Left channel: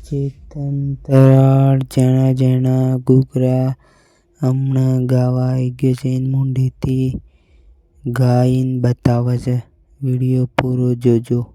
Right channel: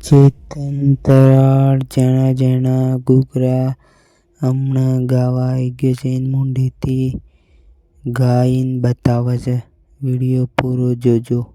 ચેતન તરાળ જણા જણા ઘૂઘરા હમણાં ગાવા ગયો છે. એને મોઢેથી ગાઈને બતાવે છે. વીડિયો પૂરો જોજો.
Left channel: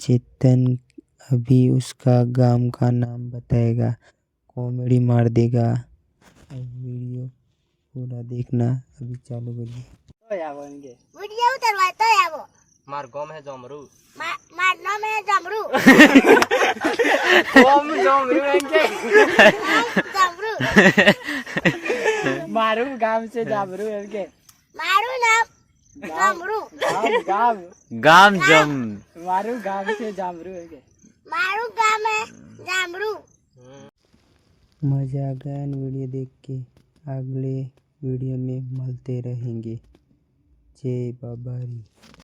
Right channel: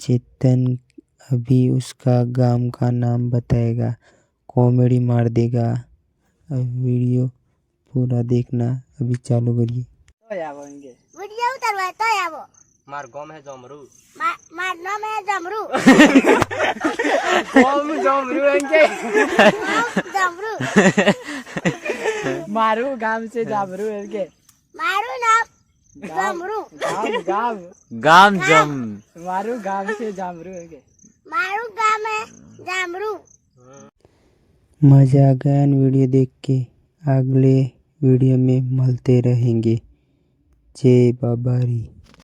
चेतन अभी उसका गाँव का नाम बताएगा। कॉमेडी मार देगा। अभी वीडियो पूरा देखना। अभी चालू करिए। तो वीडियो तो मार गम है जमरू। मार नाम है जमरू। जमरू जमरू। मारू गाँव से जमरू मारू नाम। जामरू। गाम। गाम जम। मारू गाम से जामरू हो गए मारू गाम है जामरू। मज़ा आ गया वीडियो देख के। अगले वीडियो में मिलते रहेंगे। जय बाबारी।